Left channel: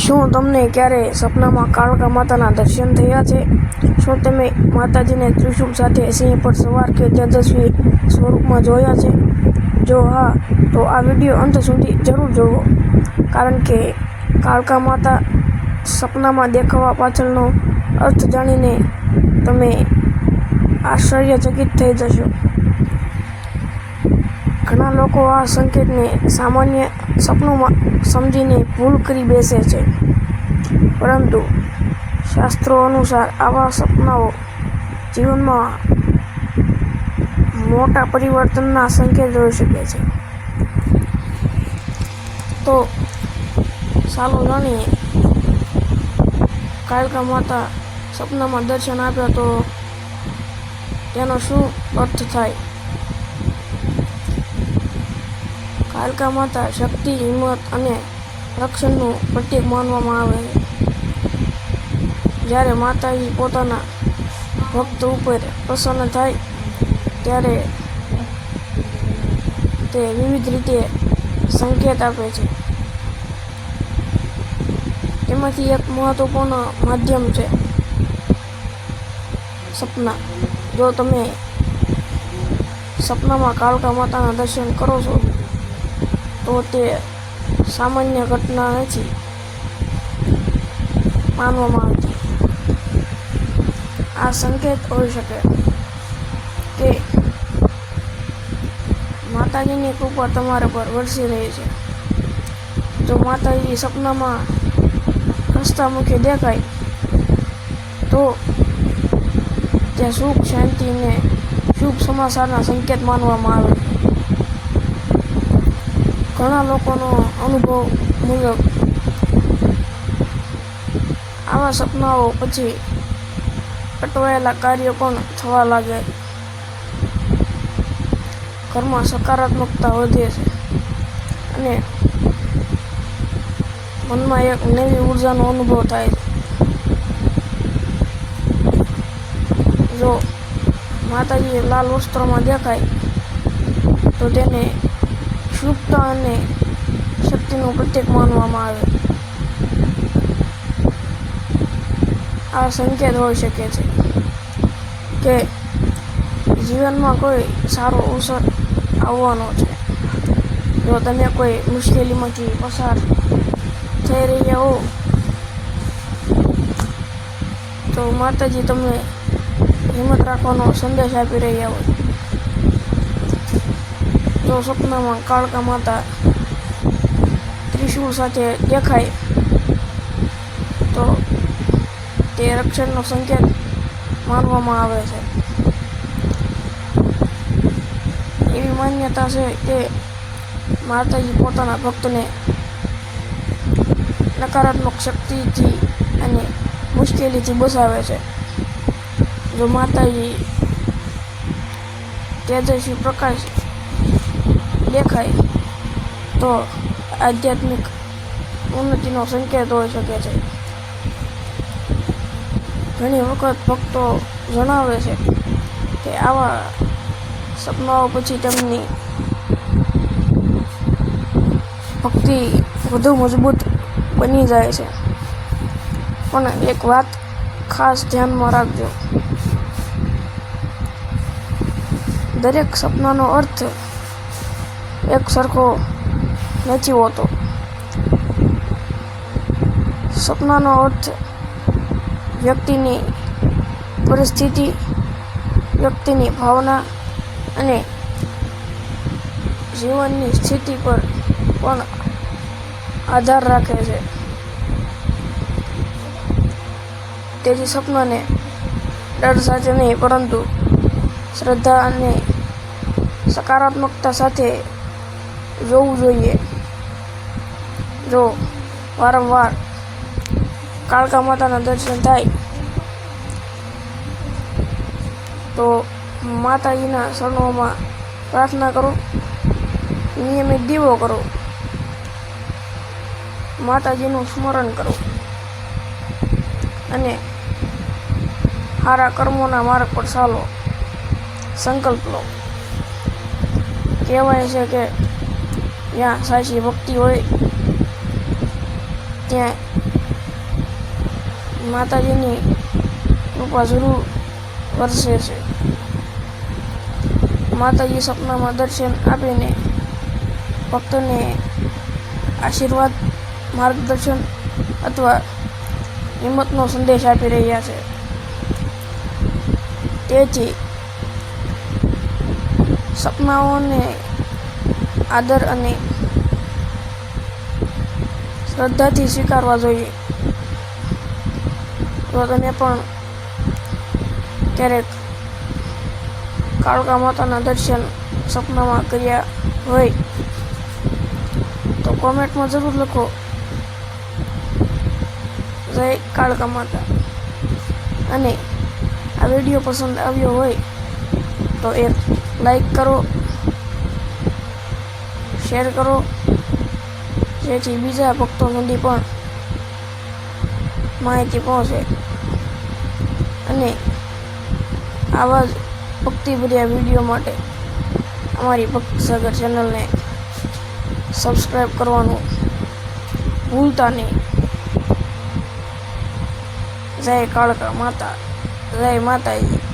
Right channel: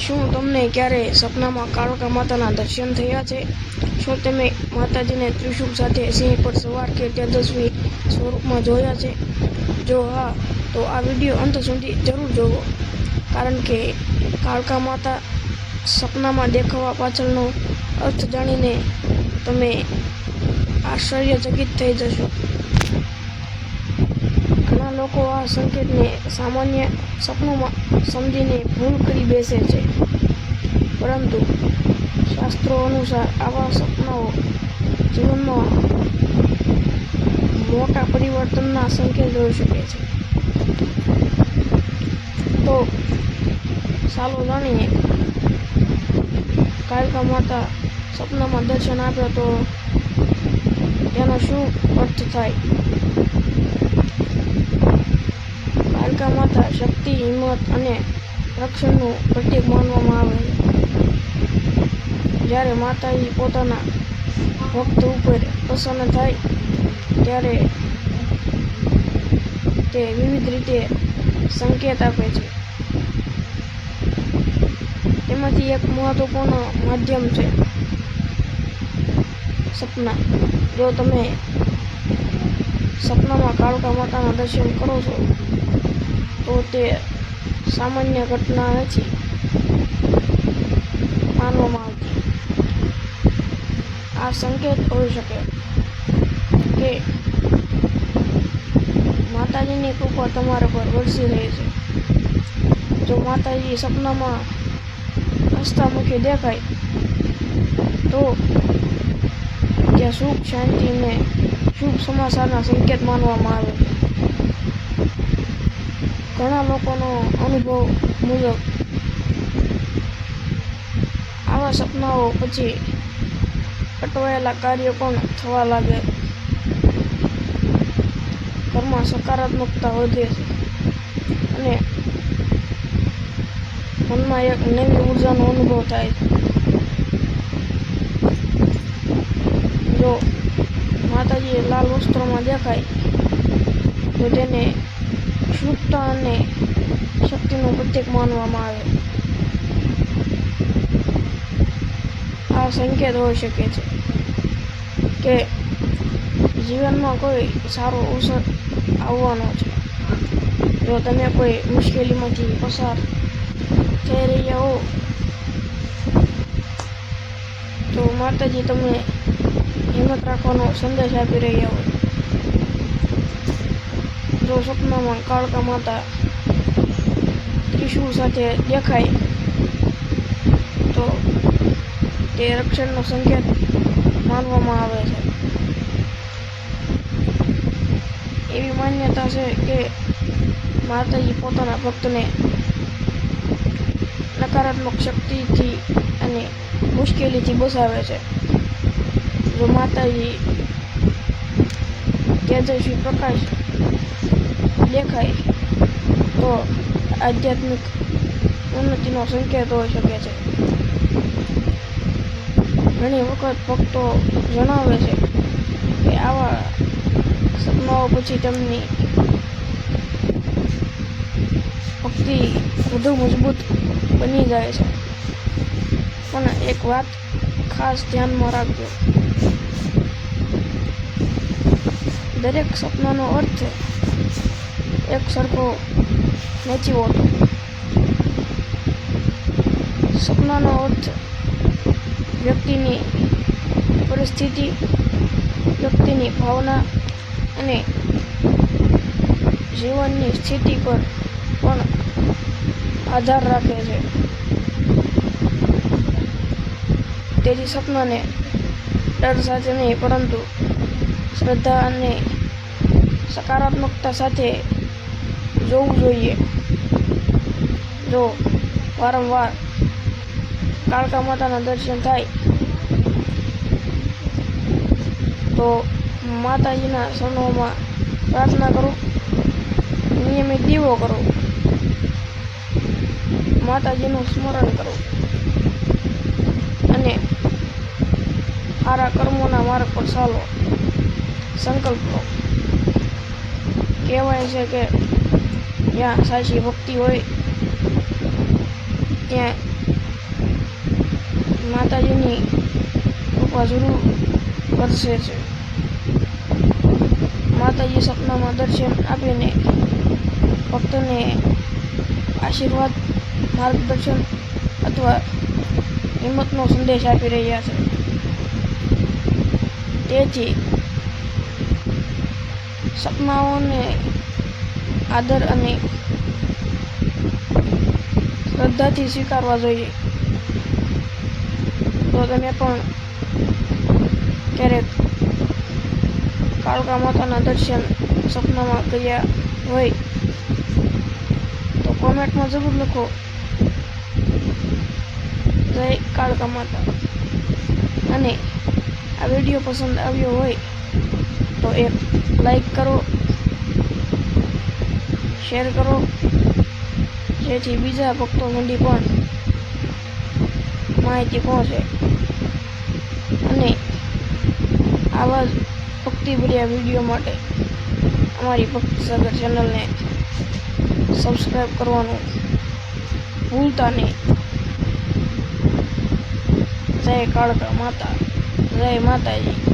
શું તમને ક્યારેય સપનામાં કાળકા માતાના દર્શન થયા છે? શું તમે માતાજીને ત્રિશૂળ સાથે સિંહ પર સવાર કે તેજસ્વી સ્વરૂપમાં જોયા છે? જો હા, તો આ વિડીયો અંત સુધી જરૂર જોવો, કારણ કે કાળકા માતા સપનામાં દેખાવા પાછળનો અર્થ જાણીને તમે આશ્ચર્યચકિત થઈ જશો. ઘણા લોકો આ સંકેતને સામાન્ય સપનું સમજીને ભૂલ કરી બેસે છે, પરંતુ શાસ્ત્રો અનુસાર આવા સપનાઓ જીવનમાં મોટા પરિવર્તનના સંકેત હોઈ શકે છે. તો ચાલો જાણીએ, કાળકા માતા સપનામાં દર્શન આપ્યા તો તેનો શું અર્થ થાય? કાળકા માતા શક્તિ, હિંમત અને રક્ષણનું પ્રતીક માનવામાં આવે છે. જ્યારે માતાજી પોતાના ભક્ત ઉપર પ્રસન્ન થાય ત્યારે તે વિવિધ રીતે સંકેત આપે છે. તેમાંથી એક મહત્વપૂર્ણ માધ્યમ છે સપના. જો તમે સપનામાં કાળકા માતાના દર્શન કરો છો, તો તે સામાન્ય ઘટના નથી માનવામાં આવતી. આ સંકેત હોઈ શકે કે માતાજીની કૃપા તમારા પર વરસી રહી છે. જો માતાજી સપનામાં હસતા મુખે દેખાય તો ત્યાં સુખ, શાંતિ અને શુભ સમાચારના સંકેત માનવામાં આવે છે. ઘણા લોકોનો અનુભવ મુજબ આવા સપનાઓ પછી અટવાયેલા કાર્યો પણ થવા લાગે, ઘરમાં સકારાત્મકતા વધે છે અને મનમાં એક નવી ઉર્જાનો અનુભવ થાય છે. જો માતાજી લાલ વસ્ત્રોમાં દેખાય તો તેને શુભતા અને શક્તિનું પ્રતીક માનવામાં આવે. આ સંકેત હોઈ શકે છે કે જીવનમાં કોઈ સારો અવસર આવવાનો છે. જો તમે કોઈ મુશ્કેલીમાંથી પસાર થઈ રહ્યા હો, તો માતાજી તમને હિંમત રાખવાનો સંદેશ આપી રહ્યા હોય. જો સપનામાં કાળકા માતા ત્રિશૂળ સાથે દેખાય તો તે રક્ષણનો સંકેત માનવામાં આવે છે. એવી માન્યતા છે કે માતાજી પોતાના ભક્તને નકારાત્મક શક્તિથી અને મુશ્કેલીથી બચાવે છે. જો માતાજી તેજસ્વી પ્રકાશ દેખાય તો આધ્યાત્મિક ઉન્નતિનો સંકેત હોઈ શકે છે. ઘણી વખત ભક્તો જણાવે છે કે આવા સપનાઓ પછી તેમની ભક્તિ વધુ મજબૂત બની જાય છે. પણ એક વાત ખાસ ધ્યાનમાં રાખજો, દરેક સપનાનો અર્થ એક સરખો નથી હોતો. સપનાનો અર્થ વ્યક્તિની પરિસ્થિતિ, વ્યક્તિની ભાવના અને જીવનની સ્થિતિ પર પણ આધાર રાખે છે. તેથી સપનાને ડર સાથે નહીં, પરંતુ શ્રદ્ધા અને સકારાત્મકતા સાથે જોવું જોઈએ. જો વારંવાર કાળકા માતાના દર્શન થાય તો માતાજીના ચરણોમાં પ્રાર્થના કરો, નિયમિત દીવો કરો, માતાજીનું સ્મરણ કરો અને સારા કર્મોના માર્ગ પર ચાલો. સંકલ્પ લો. કહેવાય છે કે જ્યાં સાચી ભક્તિ હોય ત્યાં માતાજીની કૃપા જરૂર વરસે છે. માતાજી સપનામાં દર્શન આપીને ભક્તોને આશીર્વાદ, માર્ગદર્શન અથવા હિંમતનો સંદેશ આપી રહ્યા છે. તેથી સપનાઓને આદર અને શ્રદ્ધાથી સ્વીકારવા જોઈએ. જો તમે પણ ક્યારેક કાળકા માતાના દર્શન સપનામાં કર્યા હોય તો કોમેન્ટમાં જરૂર લખો, જય કાળકા માતા. અને આ વિડીયો પસંદ આવ્યો હોય તો એક લાઈક કરો, શેર કરો, જેથી બીજા ભક્તો સુધી પણ માહિતી પહોંચે. અને આવા જ ભક્તિભર્યા વિડીયો માટે અમારી ભક્ત સાગર ચેનલને સબસ્ક્રાઈબ કરવાનું ભૂલતા નહીં. જય કાળકા માતા, જય માતાજી.